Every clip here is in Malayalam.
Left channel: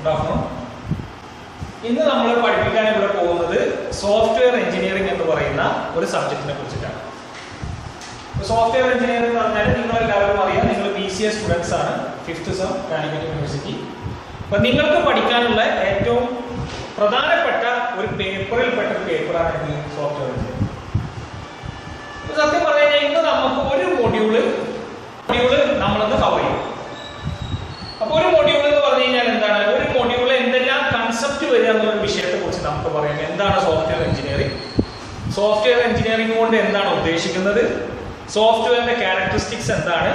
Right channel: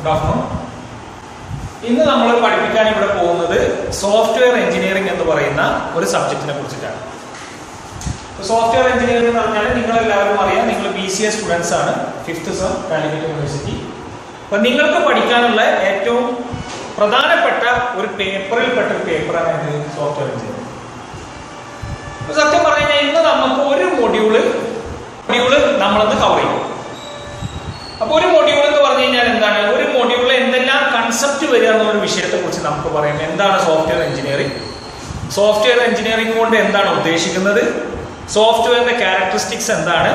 Good afternoon. ഇന്ന് നമ്മൾ പഠിപ്പിക്കാൻ ഇവിടെ പോകുന്നത് സോഫ്റ്റ്വെയർ എഞ്ചിനീയറിംഗ് എന്ന് പറയുന്ന ഒരു സബ്ജക്റ്റിനെ കുറിച്ചിട്ടാണ്. സോഫ്റ്റ്വെയർ എഞ്ചിനീയറിംഗ് എന്ന് പറഞ്ഞാൽ നിങ്ങൾ എല്ലാവരും അറിയാം, നിങ്ങൾ BCA സ്റ്റുഡൻസ് ആണ്, 5th സെം കാലിക്കറ്റ് യൂണിവേഴ്സിറ്റി. അപ്പോൾ നിങ്ങൾക്ക് പഠിക്കാനുള്ള ഏറ്റവും പ്രധാനപ്പെട്ട ഒരു പേപ്പറിൽപ്പെട്ട ഒരു പേപ്പറാണ് ഇത് സോഫ്റ്റ്വെയർ എഞ്ചിനീയറിംഗ്. സത്യം പറഞ്ഞാൽ ഇന്ന് നമുക്ക് ഒരു മൊഡ്യൂള് നമ്മളത് കവർ ചെയ്യും. അപ്പോൾ ഒരു മൊഡ്യൂൾ എന്ന് പറഞ്ഞു കഴിഞ്ഞാൽ എന്താണ്, ഒരു മൊഡ്യൂളിൽ എന്തെല്ലാം കൺസെപ്റ്റ് വരിക എന്നുള്ള വിഷയത്തെക്കുറിച്ച് നമുക്ക് പറയാം. എന്താണ് സോഫ്റ്റ്വെയർ എഞ്ചിനീയറിംഗ്, സോഫ്റ്റ്വെയർ എഞ്ചിനീയറിംഗ് കൊണ്ട് എന്താണ് ഉദ്ദേശിക്കുന്നത്, സോഫ്റ്റ്വെയറിന്റെ ക്യാരക്ടറിസ്റ്റിക്സ് എന്താണ്,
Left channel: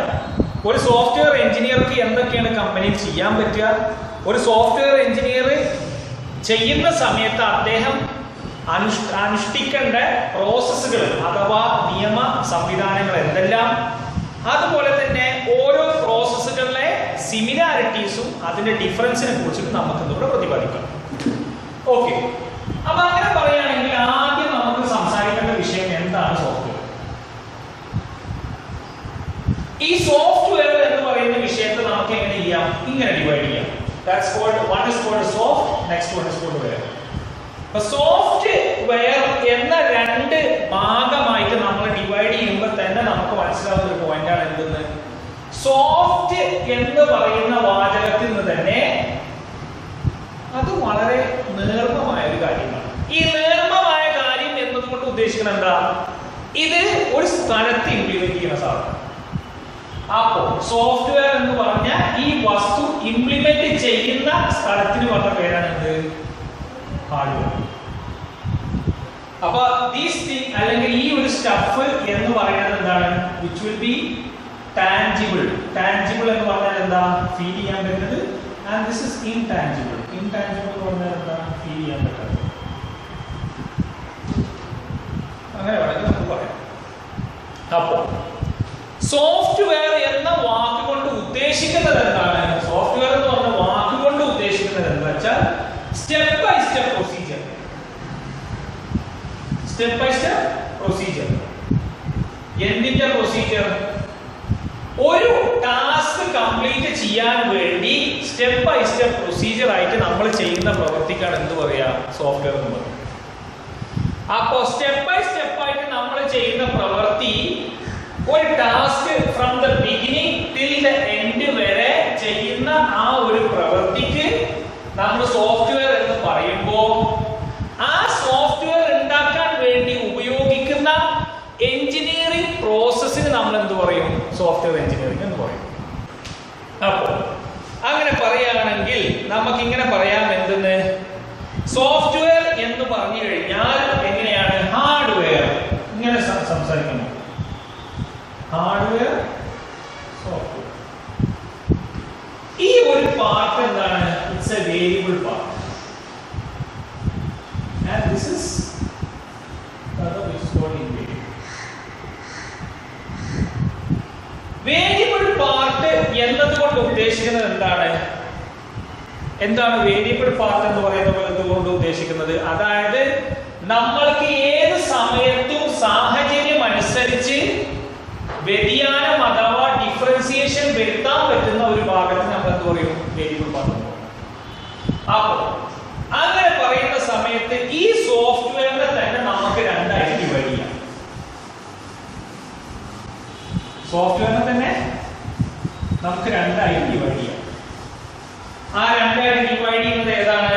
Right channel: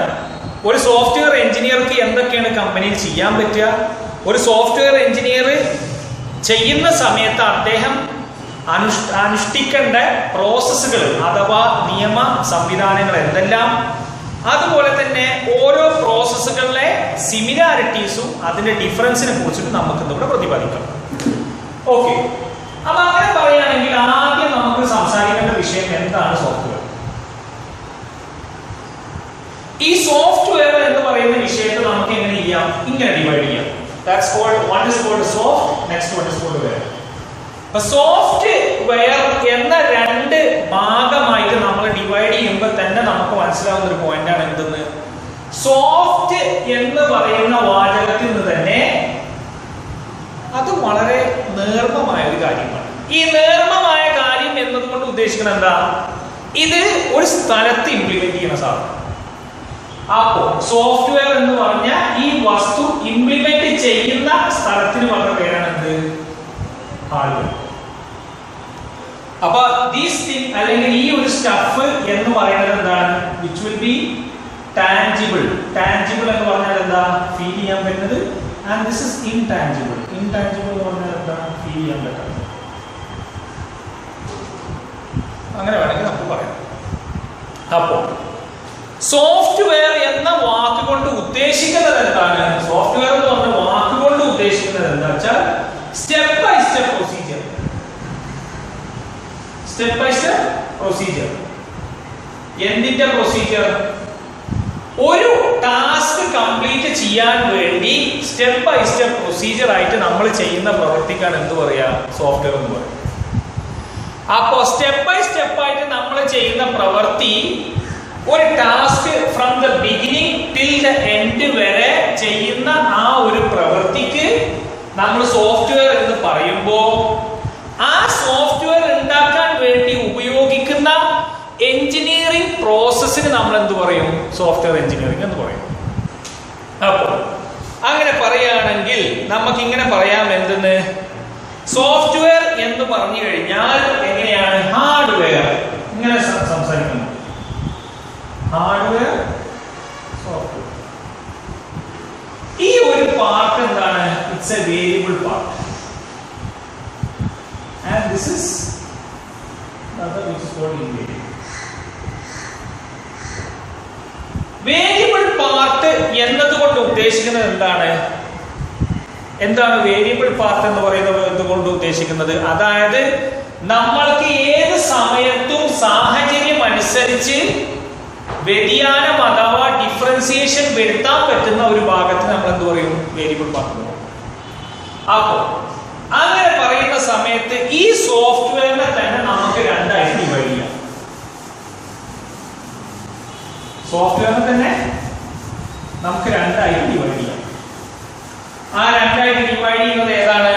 ഒരു സോഫ്റ്റ്വെയർ എഞ്ചിനീയർക്ക് എന്തൊക്കെയാണ് കമ്പനിയിൽ ചെയ്യാൻ പറ്റുക, ഒരു സോഫ്റ്റ്വെയർ എഞ്ചിനീയർ ചെയ്യുന്ന സമയത്ത് അദ്ദേഹം അനുഷ്ഠിക്കേണ്ട പ്രോസസ്സുകൾ അഥവാ നിയമ സംവിധാനങ്ങൾ എന്തെല്ലാം, അതുപോലെ തന്നെ ഓരോ പ്രോസസ്സുകളിലെ സിമിലാരിറ്റീസും അതിന്റെ ഡിഫറൻസിനെ കുറിച്ചിട്ട് നമുക്ക് ഇന്നിവിടെ പ്രതിപാദിക്കാം. ഓക്കെ, അപ്പൊ അങ്ങനെ പറയുകയാണെങ്കിൽ ആദ്യം നമുക്ക് സംസാരിക്കേണ്ട വിഷയം എന്താണ് സോഫ്റ്റ്വെയർ. ഈ സോഫ്റ്റ്വെയർ എന്ന് പറയുന്ന വിഷയത്തെ നമുക്ക് എങ്ങനെ ചെയ്യാം, ഇങ്ങനെ ഡിവൈഡ് ചെയ്യാം. That's called, one is called soft, next one is called ware. Software എന്ന രണ്ട് ഭാഗമായിട്ട് നമ്മൾ ഡിവൈഡ് ചെയ്യുമ്പോൾ തന്നെ നമുക്ക് മനസ്സിലാവുന്ന ഒരു പോയിന്റാണ് എന്തെന്ന്, സോഫ്റ്റ് എന്ന് പറയുന്ന വാചകത്തിൽ നിന്ന് തന്നെ അത് വളരെ നേർമമായ ഒരു കാര്യമാണ്. ഈ നേർമമായ കാര്യം എന്നതുകൊണ്ട് ഉദ്ദേശിക്കുന്നത് എന്താ, ഇത് ഒരു സ്ഥലത്ത് ഇംപ്ലിമെന്റ് ചെയ്യുന്ന സാധനം. അപ്പോ സോഫ്റ്റ്വെയർ എന്ന് പറഞ്ഞ ഈ വസ്തു ഇംപ്ലിമെന്റ് ചെയ്യുന്ന സ്ഥലത്തിന് പറഞ്ഞ പേരാണ് എന്ത്, ഹാർഡ്വെയർ. അപ്പൊ ദീസ് തിങ് അല്ലെങ്കിൽ ഈ ഒരു സ്റ്റഫ് എന്ന് പറയുന്നത് എന്താണ്, which will be tangible. Tangible എന്ന് പറഞ്ഞാൽ എന്താ, ഫീൽ ചെയ്യാൻ പറ്റുന്നത്. And this is intangible. Intangible എന്ന് പറഞ്ഞാൽ എന്താ, ഫീൽ ചെയ്യാൻ പറ്റുന്നത്. അങ്ങനെ വേണമെങ്കിൽ നമുക്ക് പറയാം. അപ്പോ സോഫ്റ്റ്വെയർ എന്ന വാക്ക് കൊണ്ട് ഉദ്ദേശിക്കുന്നത് എന്താണ്, സോഫ്റ്റ്വെയർ എന്ന് പറഞ്ഞ വാക്ക് കൊണ്ട് ഉദ്ദേശിക്കുന്നത് എന്താ വെച്ചാൽ step by step procedure. Step by step procedure. എന്തിന്റെ പ്രൊസീജിയർ, ഒരു ടാസ്ക് കംപ്ലീറ്റ് ചെയ്യാൻ വേണ്ടി സ്റ്റെപ്പ് ബൈ സ്റ്റെപ്പ് പ്രൊസീജിയർ ആയിട്ട് നമ്മൾ ചെയ്യുന്ന പ്രവർത്തിക്കാണ് എന്ത് പറയാ, സോഫ്റ്റ്വെയർ എന്ന് പറയും. അപ്പോ സ്റ്റെപ്പ് ബൈ സ്റ്റെപ്പ് ആയിട്ട് നമ്മൾ ചെയ്യുന്ന പ്രവൃത്തി, ഒരു task from the beginning till the end വരെ ചെയ്യുന്ന ആ ഒരു പ്രവൃത്തിക്ക് നമ്മൾ സോഫ്റ്റ്വെയർ എന്ന് പറയുമ്പോൾ ആ സോഫ്റ്റ്വെയർ ഉണ്ടാക്കാൻ വേണ്ടി ഉപയോഗിക്കുന്ന എഞ്ചിനീയറിംഗ് പ്രോസസ്സിന് നമ്മൾ എന്ത് പറയും, സോഫ്റ്റ്വെയർ എഞ്ചിനീയറിംഗ് എന്ന് പറയും. അപ്പോൾ അങ്ങനെ പറയുകയാണെങ്കിൽ നമുക്ക് ഇങ്ങനെ പറയാം, എന്തെന്ന്, സോഫ്റ്റ്വെയർ എന്ന് പറഞ്ഞു കഴിഞ്ഞാൽ എങ്ങനെയാണ്, ഹാർഡ്വെയർ. ഇങ്ങനെ സംസാരിക്കണം, ഹാർഡ്വെയർ, സോഫ്റ്റ്വെയർ. ഈ ഒരു പാർട്ട് എന്താണ്, it's A variable part. And this is another which is called invariable. Variable part എന്നതുകൊണ്ട് ഉദ്ദേശിക്കുന്നത് എന്താണ് വേരിയബിൾ പാർട്ട് എന്ന് പറയുന്നത് കൊണ്ട് ഉദ്ദേശിക്കുന്നത്, അതായത് നമ്മൾക്ക് ഏത് സമയത്തും സാഹചര്യം അനുസരിച്ച് വ്യതിയാനം അഥവാ ഡിഫറൻസിയേഷൻ വരുത്താൻ പറ്റുന്ന ഒരു ഭാഗത്തിന് നമ്മൾ എന്ത് പറയും, വേരിയബിൾ പാർട്ട്. അപ്പോൾ അങ്ങനെ പറയുന്ന സമയത്ത് ഈ സോഫ്റ്റ്വെയറിനെ തന്നെ നമുക്ക് രണ്ടായിട്ട് ഡിവൈഡ് ചെയ്യാം. സോഫ്റ്റ്വെയറിനെ തന്നെ നമുക്ക് രണ്ടായിട്ട് ഡിവൈഡ് ചെയ്യാം. ആ രണ്ടായിട്ട് ഡിവൈഡ് ചെയ്യുന്നത് ഏതാണ്,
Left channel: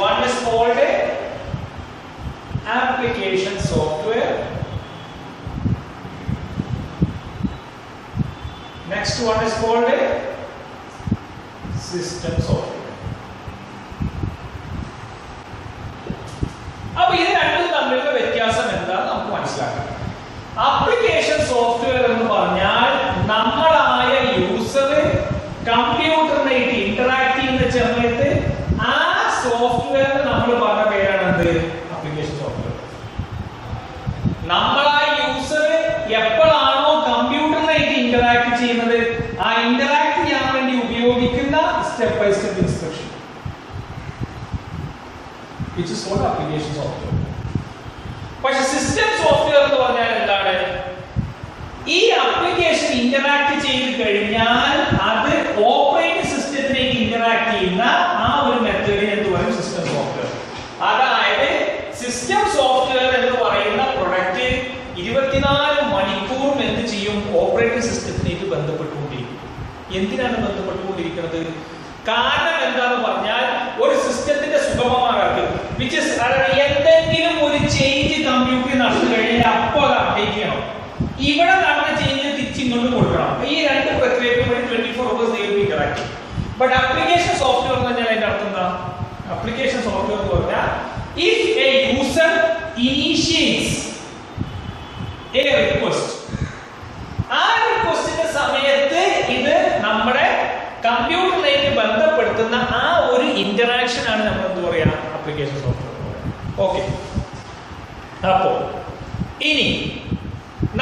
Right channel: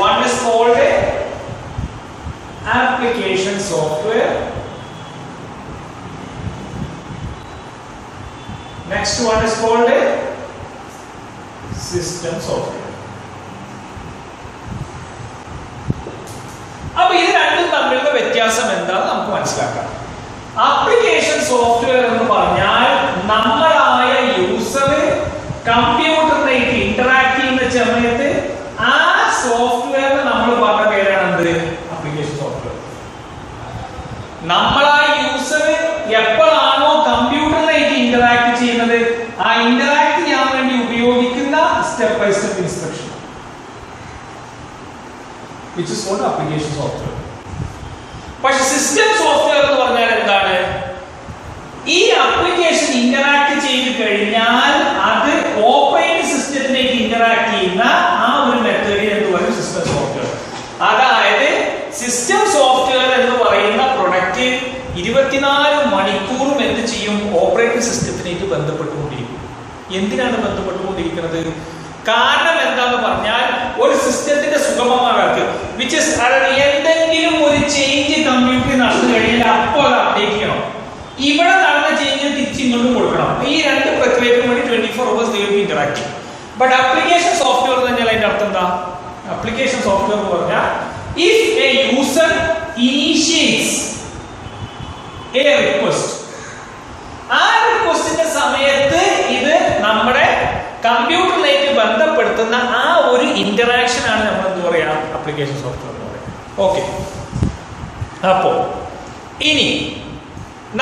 one is called application software, next one is called system software. അപ്പൊ ഇത് രണ്ടും തമ്മിലുള്ള വ്യത്യാസം എന്താണെന്ന് നമുക്ക് മനസ്സിലാക്കാം. ആപ്ലിക്കേഷൻ സോഫ്റ്റ്വെയർ എന്ന് പറഞ്ഞാൽ നമ്മളായ യൂസർ കമ്പ്യൂട്ടറിനായിട്ട് ഇന്ററാക്ട് ചെയ്യുന്ന സമയത്ത് ആ സോഫ്റ്റ്വെയറിന് നമ്മൾ പറഞ്ഞ പേരാണ് എന്ത്, ആപ്ലിക്കേഷൻ സോഫ്റ്റ്വെയർ. നമ്മളായ യൂസർ എപ്പോഴാണോ കമ്പ്യൂട്ടറിനായിട്ട് ഇന്ററാക്ട് ചെയ്യുന്നത്, ആ ഇന്ററാക്ട് ചെയ്യാൻ വേണ്ടി ഉപയോഗിക്കുന്ന step by step instruction, which is called application software. പക്ഷേ സിസ്റ്റം സോഫ്റ്റ്വെയർ എന്ന് പറഞ്ഞാൽ എന്താണ്, ഈ ആപ്ലിക്കേഷൻ ഇന്ററാക്ട് ചെയ്ത് കഴിഞ്ഞാൽ അത് ഓപ്പറേറ്റിംഗ് സിസ്റ്റത്തിലേക്ക് ഇന്ററാക്ട് ചെയ്യുന്ന ആ ഒരു മെത്തേഡിന് എന്ത് പറയും? System software. അതായത് സിസ്റ്റം സോഫ്റ്റ്വെയർ എന്ന് പറയുന്ന പ്രൊഡക്റ്റ് 24 മണിക്കൂറും എന്ത് ചെയ്യും? ഓപ്പറേറ്റിംഗ് സിസ്റ്റത്തിലേക്ക് ബന്ധപ്പെട്ടുകൊണ്ടിരിക്കും. എന്തിനാണ് ബന്ധപ്പെട്ടുകൊണ്ടിരിക്കുന്നത്? കാരണം എന്താന്ന് പറഞ്ഞാൽ ഒരു സിസ്റ്റത്തിന്റെ സുഗമമാകാക്ക് എന്തെങ്കിലും ഒരു ചേഞ്ച് കമ്പ്യൂട്ടറിൽ നടന്നു കഴിഞ്ഞാൽ അപ്പോൾ അത് അപ്ഡേറ്റ് ചെയ്യണം. ഇവിടെ നടന്ന ചേഞ്ച് തിരിച്ച് ഇങ്ങോട്ട് കൊടുക്കണം. ഈ രണ്ട് പ്രക്രിയക്കും വേണ്ടി 24 hours interact. But application software തന്നെയാണ് അതിന്റെ അർത്ഥം എന്താ? ആപ്ലിക്കേഷൻ സോഫ്റ്റ്വെയർ എന്ന് പറഞ്ഞാൽ if a user initiates a request, ആ റിക്വസ്റ്റിന്റെ സമയത്ത് ഇത് നമ്മുടെ കമ്പ്യൂട്ടറിലേക്ക് ബന്ധപ്പെടുത്തുന്ന ആ ഒരു ഇന്ററാക്ഷൻ ആണ് നമ്മൾ എന്ത് പറയാ? ആപ്ലിക്കേഷൻ സോഫ്റ്റ്വെയർ എന്ന് പറയാം. ഓക്കെ, അപ്പോ ഇനി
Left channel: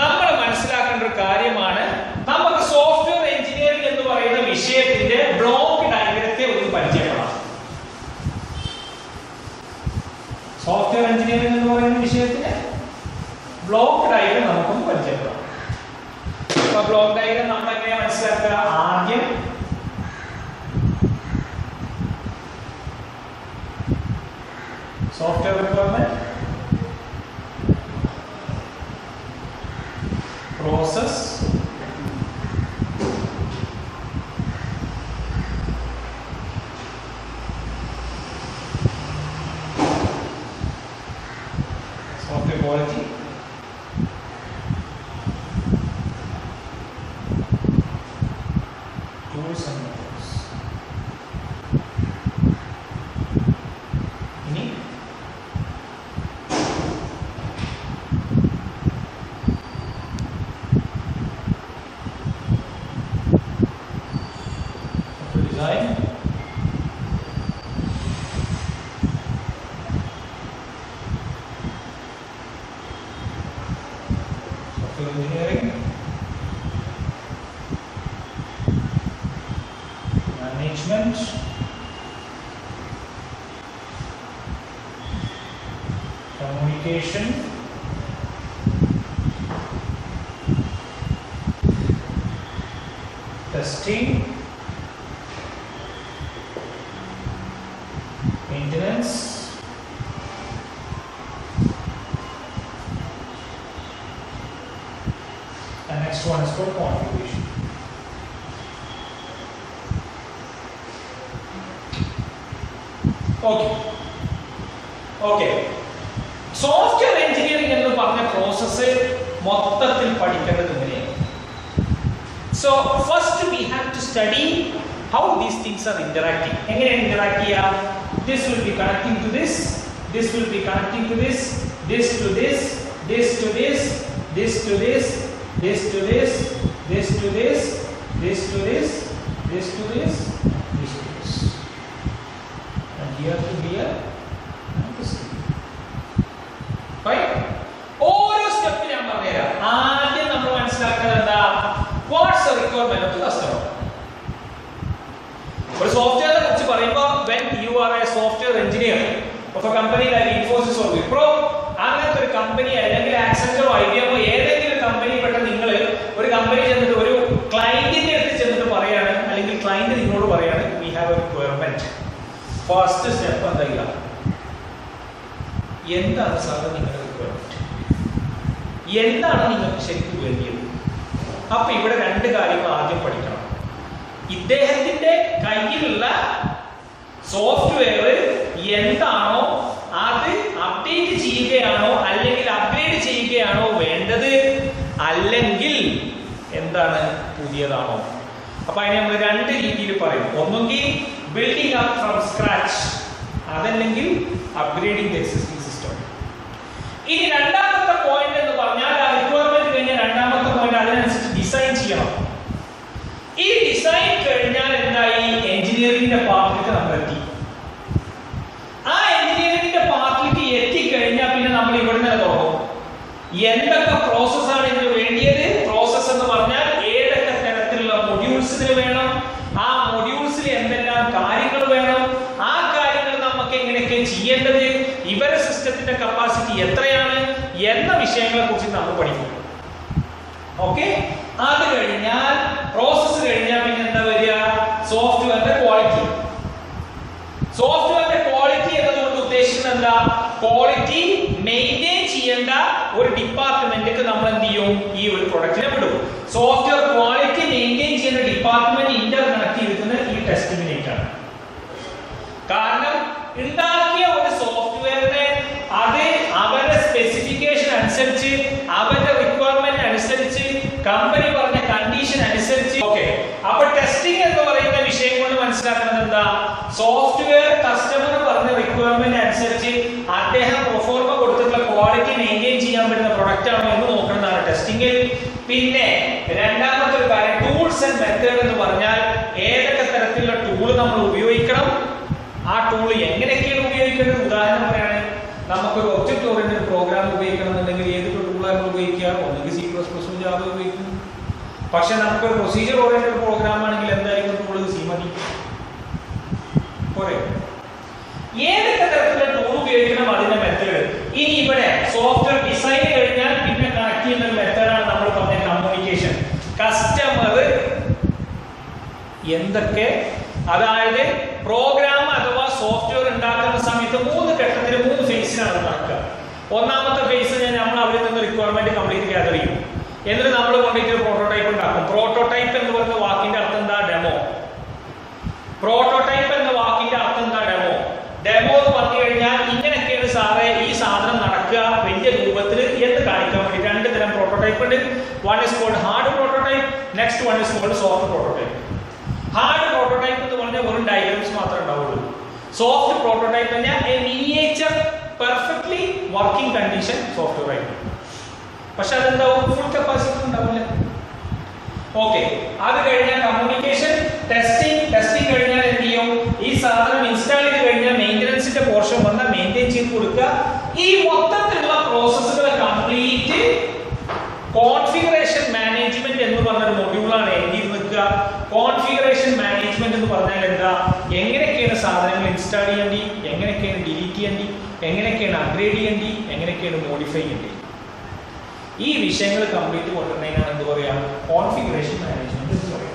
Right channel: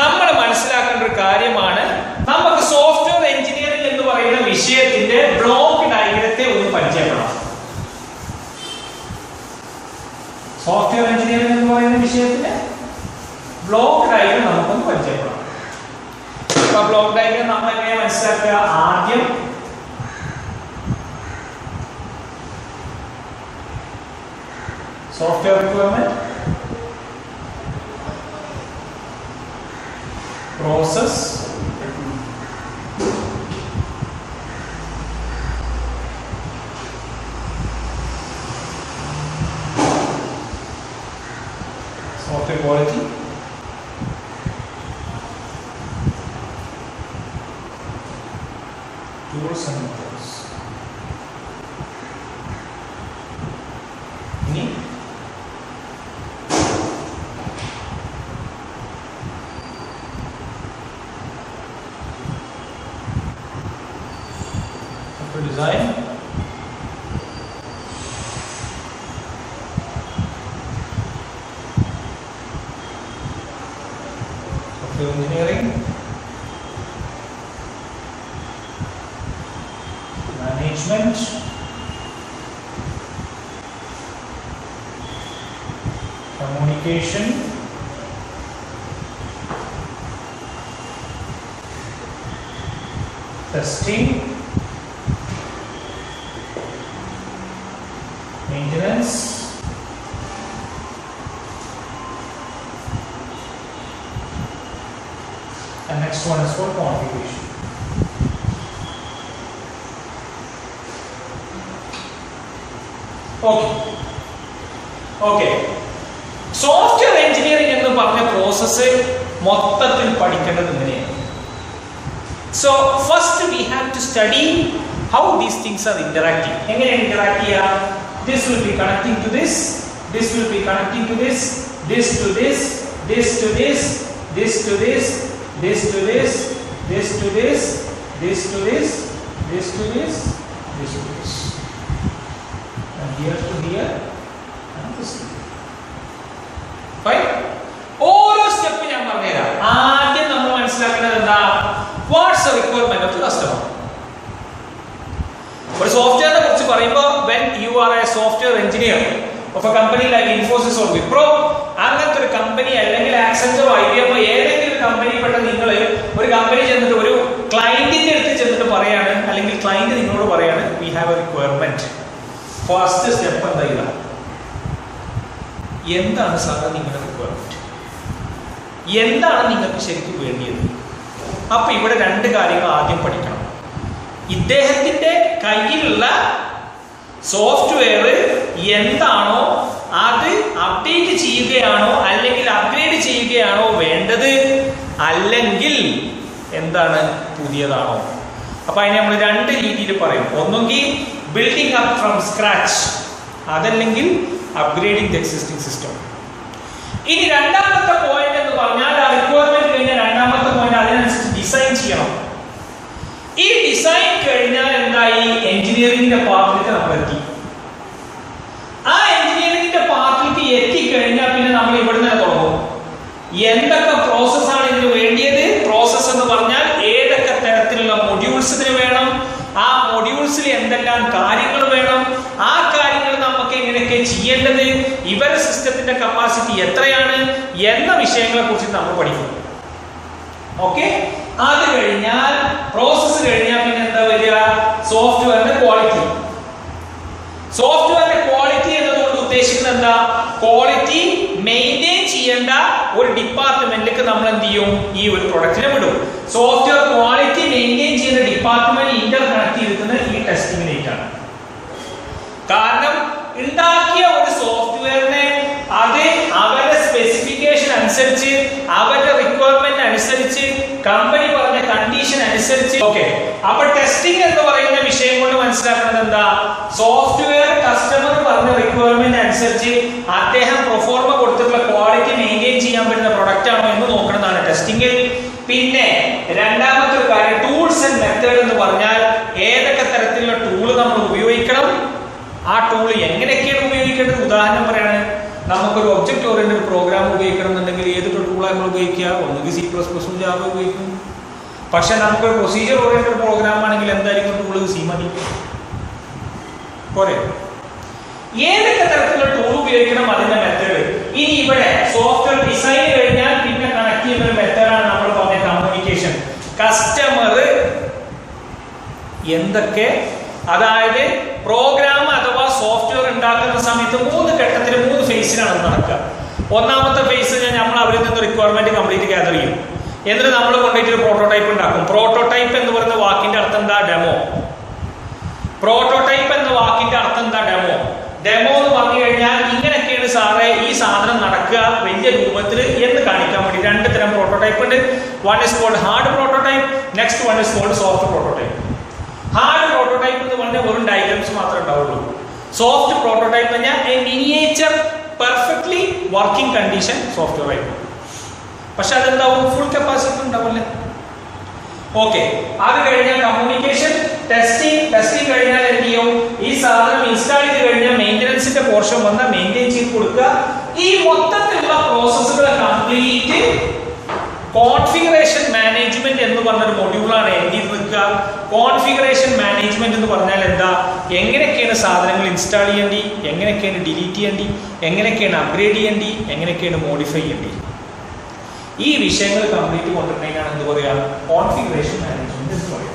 നമ്മൾ മനസ്സിലാക്കേണ്ട ഒരു കാര്യമാണ്, നമുക്ക് സോഫ്റ്റ്വെയർ എഞ്ചിനീയറിംഗ് എന്ന് പറയുന്ന വിഷയത്തിന്റെ ബ്ലോക്ക് ഡയഗ്രത്തെ ഒന്ന് പരിചയപ്പെടാം. സോഫ്റ്റ്വെയർ എഞ്ചിനീയറിംഗ് എന്ന് പറയുന്ന വിഷയത്തിന് ബ്ലോക്ക് ഡയഗ്രം നമുക്കൊന്ന് പരിചയപ്പെടാം. അപ്പൊ ബ്ലോക്ക് ഡയഗ്രം നമ്മൾ എങ്ങനെയാ മനസ്സിലാക്കുക? ആദ്യം software requirement, process, software quality, tools and methods. Ini software design, engineering, management, communication, testing, maintenance, and next one is for configuration. Okay. Software engineering എന്ന് പറഞ്ഞ പ്രോസസ്സ് മൊത്തത്തിൽ പഠിക്കേണ്ടത് എങ്ങനെയാണ്? So first we have to study how these things are interacting. എങ്ങനെയാണ് interact ചെയ്യുക? This will be connecting to this, this will be connecting to this, this to this, this to this, this to this, this to this, this to this, this to this, this to this, this to this, and here to here, and this to here. Fine. ഓരോ സ്റ്റെപ്പ് ഞാൻ പറഞ്ഞുതരാം. ആദ്യം നമ്മൾ മനസ്സിലാക്കേണ്ടത് എന്താ? What's the requirement of the customer? ഒരു സോഫ്റ്റ്വെയറിനെ കുറിച്ച് പറയുമ്പോൾ when you are a software engineer of a company like Infosys or Wipro, അങ്ങനത്തെ ഒരു കമ്പനി അല്ലെങ്കിൽ ആക്സെഞ്ചറോ IBM ഏതെങ്കിലും കമ്പനി പെട്ട നിങ്ങൾ ഒരു കമ്പനി ചെന്നിട്ട് ഒരു ക്ലയന്റിന്റെ അടുത്ത് ചെന്നിട്ട് പറയാണ്, അല്ലെങ്കിൽ ക്ലയന്റ് നിങ്ങളോട് പറയാണ് we have a requirement. First step എന്താ? എന്താണ് സാർ നിങ്ങളുടെ റിക്വയർമെന്റ്? എന്താണ് നിങ്ങൾക്ക് ശരിക്കും വേണ്ടിയത്? അപ്പൊ ഇവിടെ രണ്ട് കാര്യങ്ങൾ ആദ്യം പഠിക്കണം. ഇദ്ദേഹത്തിന്റെ കയ്യിലുള്ള സോഫ്റ്റ്വെയർ എന്താണോ അത് അപ്ഡേറ്റ് ചെയ്യുകയാണോ അല്ലെങ്കിൽ അപ്ഗ്രേഡ് ചെയ്യുകയാണോ വേണ്ടത്, അല്ലെങ്കിൽ എന്താണ് പുതിയതാണോ? അപ്പൊ അതിനെ നമ്മൾ രണ്ട് രീതിയിൽ പറയും. ഒന്നെങ്കിൽ ബിൽഡിംഗ് അപ്പ് ഫ്രം സ്ക്രാച്ച്, അതല്ലെങ്കിൽ അപ്ഗ്രേഡിംഗ് ദ എക്സിസ്റ്റിംഗ് സിസ്റ്റം. ഇനി രണ്ടാമത്തെ പോയിന്റ് എന്ന് പറഞ്ഞാൽ ആ റിക്വയർമെന്റ് കഴിഞ്ഞാൽ രണ്ടാമത്തെ പോയിന്റ് അതിനനുസരിച്ച് ഡിസൈൻ ചെയ്യണം. ഈ ഡിസൈൻ കഴിഞ്ഞാൽ എന്തായി? എഞ്ചിനീയറിംഗിന്റെ പാർട്ടിലേക്ക് നമ്മൾ എത്തി. ആ എഞ്ചിനീയറിംഗിന്റെ പാർട്ടിലേക്ക് എത്തിക്കഴിഞ്ഞാൽ പിന്നെ നമ്മൾ ഇവിടെ നിന്ന് തുടങ്ങും. എന്തൊക്കെ പ്രോസസ്സാണ് ഇതിന് വേണ്ടിയത്? പ്രോസസ് എന്ന് പറഞ്ഞാൽ ഏതൊക്കെ തരത്തിലുള്ള മൊഡ്യൂൾസ് ഇതിന് വേണം, ആ മൊഡ്യൂൾസിൽ എന്തെല്ലാം കാര്യങ്ങൾ വേണം, ആ കാര്യങ്ങൾ നമുക്ക് എങ്ങനെയൊക്കെ ചെയ്യേണ്ടത്, ഇവരുടെ സിസ്റ്റത്തിന്റെ കപ്പാസിറ്റി എത്രയാണ് എന്ന വിഷയങ്ങളെ കുറിച്ച് നമ്മൾ പഠിക്കും. ഓക്കെ, അത് കഴിഞ്ഞാൽ പ്രോസസ്സ് കഴിഞ്ഞാൽ പിന്നെ എന്താ വരിക? സോഫ്റ്റ്വെയറിന്റെ ക്വാളിറ്റി. സോഫ്റ്റ്വെയറിന്റെ ക്വാളിറ്റി എന്നതുകൊണ്ട് ഉദ്ദേശിക്കുന്നത് എന്താ? ക്വാളിറ്റി മെയിൻറ്റെയിൻ ചെയ്യേണ്ട ഒരു ഡിപ്പാർട്ട്മെന്റിലേക്ക് നമ്മൾ എന്ത് ചെയ്യും? ഈ ഒരു പ്രൊഡക്റ്റിനെ വിടും. സോഫ്റ്റ്വെയർ ക്വാളിറ്റി മെയിൻറ്റെയിൻ ചെയ്യുന്ന ഡിപ്പാർട്ട്മെന്റ് ഇന്റർ കണക്ട് ചെയ്തിരിക്കുന്നത് ഈ ടെസ്റ്റിങ്ങിനായിട്ടാണ്. കാരണം ഉണ്ടാക്കിയ ഒരു സോഫ്റ്റ്വെയറിനെ അത് അവരുടെ സ്പെസിഫിക്കേഷൻ അനുസരിച്ച്, അവരുടെ റിക്വയർമെന്റ് അനുസരിച്ച്, കമ്പനി പറഞ്ഞ കണ്ടീഷൻ അനുസരിച്ച്. ഓക്കെ, അപ്പൊ ടെസ്റ്റിംഗ് എന്ന് പറയുന്ന വിഷയം കൊണ്ട് മനസ്സിലാക്കുന്നത് എന്താ? സോഫ്റ്റ്വെയർ കസ്റ്റമർ പറഞ്ഞ റിക്വയർമെന്റ് അനുസരിച്ച് അദ്ദേഹം പ്രൊഫോർമ കൊടുത്തിട്ടുള്ള ക്വാളിറ്റി മെയിൻറ്റെയിൻ ചെയ്യാൻ പറ്റുന്ന പ്രൊഡക്റ്റ് ആണോ എന്ന് നോക്കുന്നതാണ് ടെസ്റ്റിംഗ്. പിന്നെ രണ്ടാമത്തെ ഒരു കാര്യം ടൂൾസ് ആൻഡ് മെത്തേഡ് എന്ന് പറഞ്ഞാൽ ഏതൊക്കെ തരത്തിലുള്ള ടൂൾ നമ്മൾ ഉപയോഗിക്കണം, ആ ടൂൾ എങ്ങനെയൊക്കെയാണ് ഉപയോഗിക്കേണ്ടത്. ഉദാഹരണം പറയാണ്, നമുക്കൊരു ഒബ്ജക്റ്റ് ഓറിയന്റഡ് പ്രോഗ്രാം ഉപയോഗിക്കണം എന്നുണ്ടെങ്കിൽ ഏത് ടൂളാണ് നമ്മൾ ഉപയോഗിക്കുക? ഒന്നുകിൽ C++, ജാവ ഉപയോഗിക്കും. പക്ഷെ നമുക്കൊരു പ്രൊസീജിയർ ഓറിയന്റഡ് പ്രോഗ്രാം ആണെങ്കിൽ എന്തായാലും ടൂൾ സി മതി പോരെ. ഏതൊക്കെ തരത്തിലുള്ള ടൂൾ ഉപയോഗിക്കണം, അതിന്റെ മെത്തേഡ്. ഇനി ഇവിടെ സോഫ്റ്റ്വെയർ ഡിസൈൻ കഴിഞ്ഞാൽ പിന്നെ കണക്ട് ചെയ്യുന്ന ഒരു മെത്തേഡാണ് നമ്മൾ പറഞ്ഞ കമ്മ്യൂണിക്കേഷൻ. കസ്റ്റമർ എന്തൊക്കെ, അതായത് പ്രോഗ്രാം അഥവാ സോഫ്റ്റ്വെയർ ഉണ്ടാക്കുന്ന സമയത്ത് 3 ഘട്ടത്തിൽ 3 ഫേസിലാണ് നടക്കുക. ഒന്നാമത്തെ ഫേസ് നമ്മൾ അവരിൽ നിന്ന് റിക്വയർമെന്റ് കംപ്ലീറ്റ് ഗ്യാദർ ചെയ്യും. എന്നിട്ട് നമ്മൾ കൊണ്ടിട്ട് ഒരു പ്രോട്ടോടൈപ്പ് ഉണ്ടാക്കും. പ്രോട്ടോടൈപ്പ് എന്ന് പറയുന്ന വാക്കിന്റെ അർത്ഥം എന്താ? ഡെമോ. പ്രോട്ടോടൈപ്പ് എന്ന വാക്കിന്റെ അർത്ഥം എന്താ? ഡെമോ. ഡെമോ എന്ന് പറഞ്ഞു കഴിഞ്ഞാൽ ഇങ്ങനെയൊക്കെയാണ് സാറേ ഈ സാധനം നടക്കുക വലിയ രൂപത്തിൽ എന്ന് കാണിക്കാൻ വേണ്ടി 2 തരം പ്രോട്ടോടൈപ്പ് ഉണ്ട്. One is called hard prototype, next one is called soft prototype. Hard prototype എന്ന് പറഞ്ഞാൽ വെറും ഡയഗ്രാംസ് മാത്രമേ ഉണ്ടാവുള്ളൂ. സോഫ്റ്റ് പ്രോട്ടോടൈപ്പ് പറഞ്ഞാൽ a miniature perfectly working condition software ആയിരിക്കും. പക്ഷെ അതെന്താവും? ഫുൾ കപ്പാസിറ്റി ഉണ്ടാവില്ല. ഓക്കെ, അത് കഴിഞ്ഞാൽ കമ്മ്യൂണിക്കേഷൻ, ടെസ്റ്റിംഗ് കഴിഞ്ഞാൽ എന്ത് ചെയ്യും? ഈ സാധനം ഇൻസ്റ്റാൾ ചെയ്ത് കഴിഞ്ഞാൽ മെയിൻ്റനൻസിന്റെ പോർഷൻ വന്നാൽ മെയിൻറ്റെയിൻ ചെയ്ത് കൊടുക്കുക. ഈ മൊത്തത്തിലുള്ള പ്രോസസ്സുകൾ കംപ്ലീറ്റ് കോൺഫിഗറേഷൻ മാനേജ്മെന്റ് എന്ന് പറഞ്ഞൊരു മൊഡ്യൂളാണ് എഴുതി നിൽക്കുക. കോൺഫിഗറേഷൻ മാനേജ്മെന്റ് എന്ന് പറഞ്ഞാൽ എന്താ? എങ്ങനെയൊക്കെയാണ് സാധനങ്ങൾ ഇൻസ്റ്റാൾ ചെയ്യേണ്ടി, എങ്ങനെയൊക്കെയാണ് ഡിലീറ്റ് ചെയ്യേണ്ടി, എങ്ങനെയൊക്കെയാണ് അപ്ഗ്രേഡ് ചെയ്യേണ്ടി, എങ്ങനെയൊക്കെയാണ് മോഡിഫൈ ചെയ്യേണ്ടി, ഈ വിഷയങ്ങൾ കംപ്ലീറ്റ് കൊണ്ടുവരുന്നതിനാണ് എന്ത് പറയുക? കോൺഫിഗറേഷൻ മാനേജ്മെന്റ് എന്ന് പറയുക.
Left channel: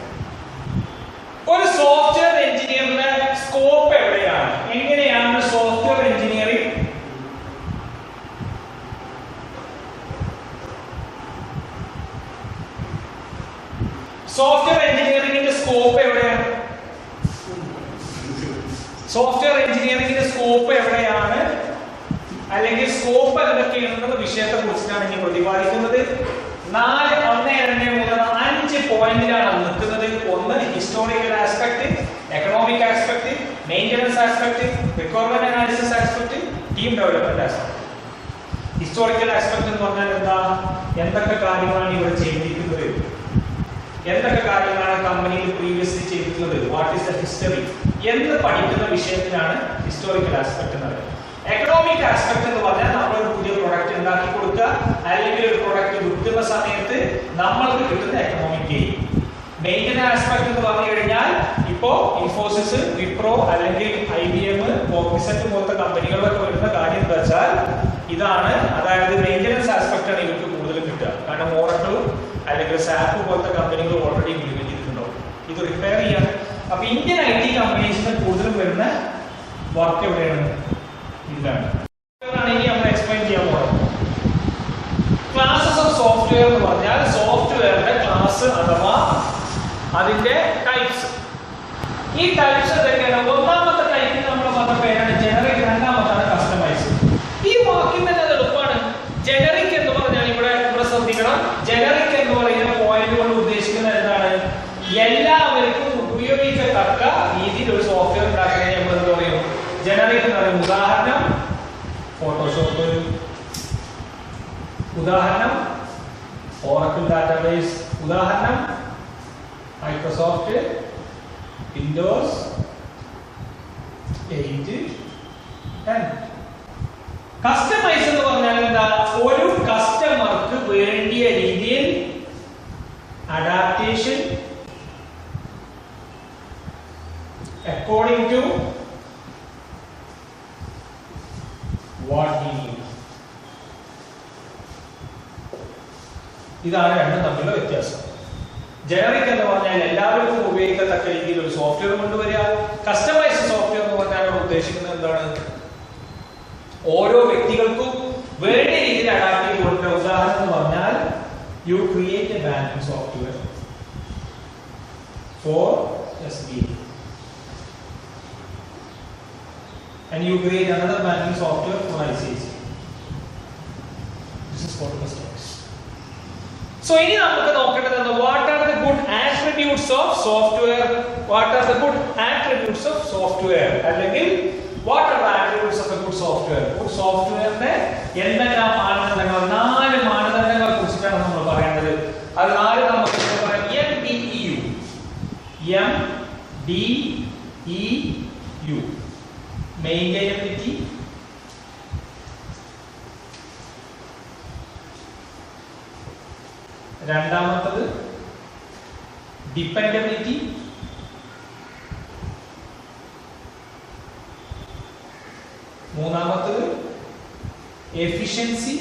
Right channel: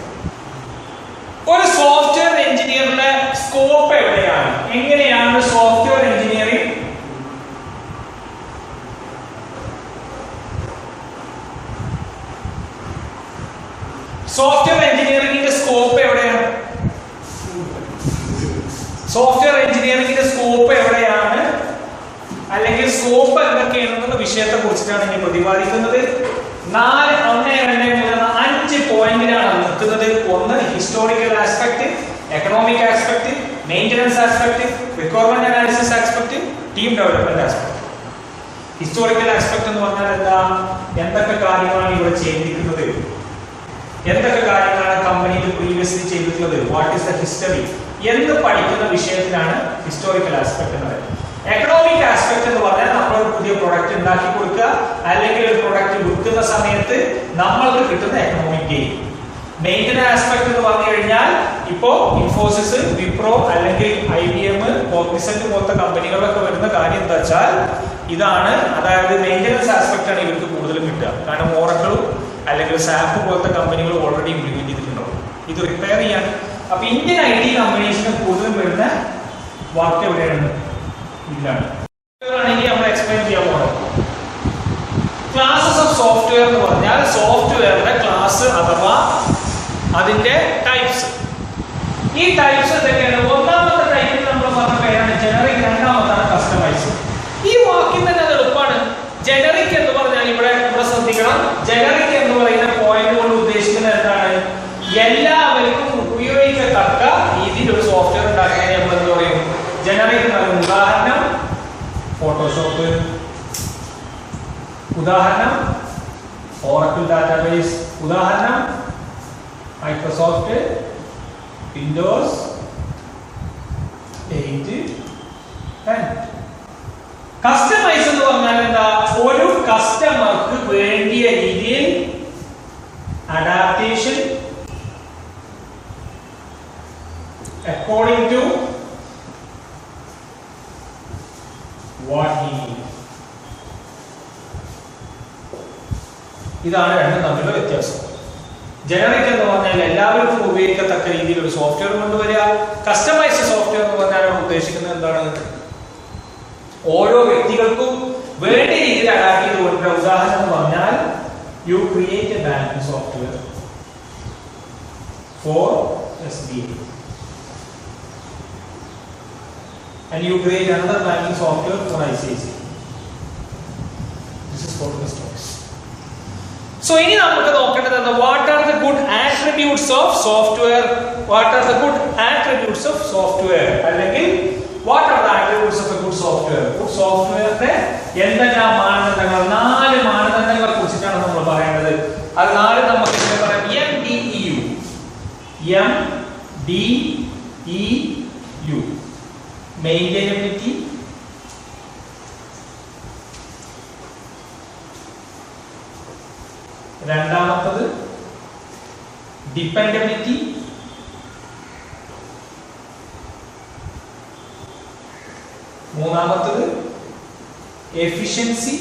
ഒരു സോഫ്റ്റ്വെയർ എഞ്ചിനീയറിന്റെ സ്കോപ്പ് എവിടെയാണ്? എങ്ങനെയാണ് സോഫ്റ്റ്വെയർ എഞ്ചിനീയറിംഗ് എഞ്ചിനീയറിംഗിന്റെ സ്കോപ്പ് എവിടെയാണ്? സോഫ്റ്റ്വെയർ എഞ്ചിനീയറിംഗിന്റെ സ്കോപ്പ് എവിടെയാണ്, അല്ലെങ്കിൽ സ്കോപ്പ് എന്തൊക്കെയാണെന്നുള്ള വിഷയത്തെ കുറിച്ചിട്ടാണ് ഇനി പ്രതിപാദിക്കുന്നത്. 4, 1, 2, 3, 5 പോയിന്റിലാണ് നിൽക്കുന്നത്. ഒന്ന് historical aspect, economic aspect, maintenance aspect, requirement analysis aspect, team development aspect. Historical aspect എന്ന് പറഞ്ഞാൽ എന്താ? എന്തൊക്കെ കാര്യങ്ങളാണ് ഇവിടെ ചെയ്തിരിക്കുന്നത്, എന്തൊക്കെ കാര്യങ്ങളാണ് കമ്പനിയിൽ പ്രീവിയസ്ലി ചെയ്തിട്ടുള്ളത്, വാട്ട് ഈസ് ദ ഹിസ്റ്ററി എന്ന് പഠിക്കുന്ന വിഷയത്തിനാണ് ഹിസ്റ്റോറിക്കൽ ആസ്പെക്ട് എന്ന് പറയുന്നത്. എക്കണോമിക് ആസ്പെക്ട് എന്ന് പറഞ്ഞാൽ നമ്മൾ ഒരു പുതിയ പ്രൊഡക്റ്റ് ഉണ്ടാക്കി കൊടുക്കുക, അല്ലെങ്കിൽ ഒരു പ്രൊഡക്റ്റ് വിൽക്കുന്ന സമയത്ത് നമ്മൾക്ക് കിട്ടുന്ന എക്കണോമിക് ഗെയിൻ. മെയിൻ്റനൻസ് ആസ്പെക്ട് എന്ന് പറഞ്ഞു കഴിഞ്ഞാൽ ഇപ്പോ ഇൻഫോസിസ്, വിപ്രോ അല്ലെങ്കിൽ IBM, കോഗ്നിസന്റ് പോലത്തെ കമ്പനികളിലൊക്കെ വരുന്ന കാര്യം എന്താ വെച്ചാൽ ഇതാണ്. അതായത് മെയിൻ്റനൻസ് ആസ്പെക്ട് ആണ് ഇവർക്ക് കൂടുതലും കിട്ടുക. കാരണം ഓറക്കിളും അല്ലെങ്കിൽ സാപ്പ് പോലത്തെ കമ്പനികൾ ഓൾറെഡി ഇംപ്ലിമെന്റ് ചെയ്തിട്ടുണ്ടാവും. ഇത് റിപ്പയർ ചെയ്യാൻ. അപ്പൊ ഇന്ത്യൻ IT കമ്പനീസിന് കൂടുതലും വരുന്ന വർക്ക് എവിടെയാണ്? ഇതിലാണ്. ഇനി നമ്മൾ എക്സ്പ്ലെയിൻ ചെയ്യാൻ പോകുന്നത് ക്ലാസസ് ഓഫ് സോഫ്റ്റ്വെയർ എന്ന് പറഞ്ഞാൽ സോഫ്റ്റ്വെയറിന്റെ ക്ലാസ് അഥവാ അതിന്റെ ടൈപ്സ്. ഈ ടൈപ്സ് എന്തൊക്കെയാണ്? ഒന്നാമത്തെ ടൈപ്പിൽ നമ്മൾ പറഞ്ഞ പേരാണ് ജനറിക്, രണ്ടാമത്താണ് കസ്റ്റമൈസ്. ഈ വാക്കിൽ തന്നെ അത് എളുപ്പമാണ്. ജനറിക് എന്ന് പറഞ്ഞാൽ ഇവിടെ ശ്രദ്ധിക്കണം. ജനറിക് എന്ന് പറയുന്ന പോയിന്റ് കൊണ്ട് ഉദ്ദേശിക്കുന്നത് എന്താണ്? എല്ലാവർക്കും ഉപയോഗിക്കത്തക്ക രീതിയിൽ ഒരു സോഫ്റ്റ്വെയർ ഉണ്ടാക്കുന്നതിന് നമ്മൾ എന്ത് പറയും? ജനറിക് എന്ന് പറയും. ഉദാഹരണം ഫോട്ടോഷോപ്പ്, ഉദാഹരണം ഓറക്കിൾ ഡാറ്റാബേസ്, ഉദാഹരണം മൈക്രോസോഫ്റ്റ് വിൻഡോസ് 8, 10. കസ്റ്റമൈസ് എന്ന് പറഞ്ഞാൽ എന്താ? ഒരു കസ്റ്റമർക്ക് വേണ്ടിയ രീതിയിൽ adaptation according to what he need. ഇതാണ് രണ്ടും തമ്മിലുള്ള വ്യത്യാസം. ജനറിക് എന്ന് പറഞ്ഞാൽ എല്ലാവർക്കും ഉപയോഗിക്കത്തക്ക രീതിയിൽ ഒരു സോഫ്റ്റ്വെയർ കൊണ്ടുവരിക. കസ്റ്റമൈസ്ഡ് സോഫ്റ്റ്വെയർ എന്ന് പറഞ്ഞാൽ അവിടെ ഉദ്ദേശിക്കുന്നത് എന്താണ്? ഓരോ വ്യക്തികൾക്കും വേണ്ട രീതിയിൽ അഡാപ്റ്റ് ചെയ്ത് കൊടുക്കുക. ഉദാഹരണം എന്ന് പറഞ്ഞാൽ you create A banking software for SBI and you create another banking software for ICICI. This is for customers. So ഇനി നമുക്ക് നോക്കേണ്ടത് what are the good attributes of software? What are the good attributes of software? അല്ലെങ്കിൽ what are the attributes of a good software? Good softwareന്റെ എന്തെല്ലാം മാനദണ്ഡങ്ങൾ? 4 മാനദണ്ഡങ്ങളെ കുറിച്ചിട്ടാണ് നമ്മൾ പറയേണ്ടത്. അത് 4 നമുക്ക് പറയാം. MDEU maintainability, രണ്ടാമത്തത് ഡിപെൻഡബിലിറ്റി, മൂന്നാമത്തത് എഫിഷ്യൻസി,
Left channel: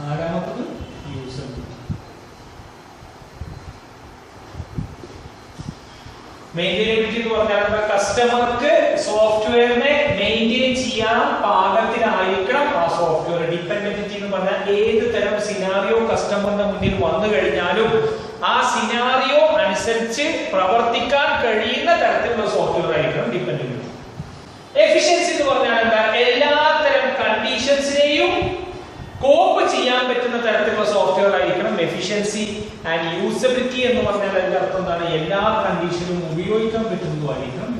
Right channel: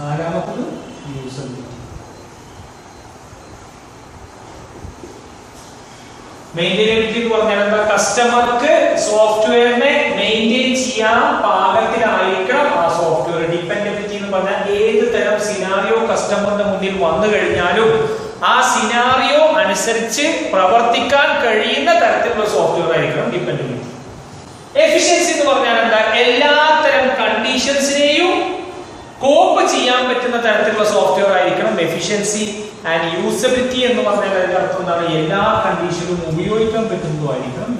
നാലാമത്തത് യൂസബിലിറ്റി. മെയിൻറ്റൈനബിലിറ്റി എന്ന് പറഞ്ഞാൽ എന്താ? കസ്റ്റമർക്ക് സോഫ്റ്റ്വെയറിനെ മെയിൻറ്റെയിൻ ചെയ്യാൻ പാകത്തിലായിരിക്കണം ആ സോഫ്റ്റ്വെയർ. ഡിപെൻഡബിലിറ്റി എന്ന് പറഞ്ഞാൽ ഏത് തരം സിനാറിയോ കസ്റ്റമറിന്റെ മുന്നിൽ വന്നു കഴിഞ്ഞാലും ആ സിനാറിയോ അനുസരിച്ച് പ്രവർത്തിക്കാൻ കഴിയുന്ന തരത്തിലുള്ള സോഫ്റ്റ്വെയർ ആയിരിക്കണം ഡിപെൻഡബിലിറ്റി. എഫിഷ്യൻസി എന്ന് പറഞ്ഞാൽ എന്താ? എല്ലാ തരം കണ്ടീഷൻസിനെയും കോപ്പ് ചെയ്യാൻ പറ്റുന്ന തരത്തിലുള്ള സോഫ്റ്റ്വെയർ ആയിരിക്കണം എഫിഷ്യൻസി. ആൻഡ് യൂസബിലിറ്റി എന്ന് പറഞ്ഞാൽ അതിന്റെ അർത്ഥം എന്താണ്? എല്ലാ കണ്ടീഷനും ഉപയോഗിക്കാൻ പറ്റുന്നതുമായിരിക്കണം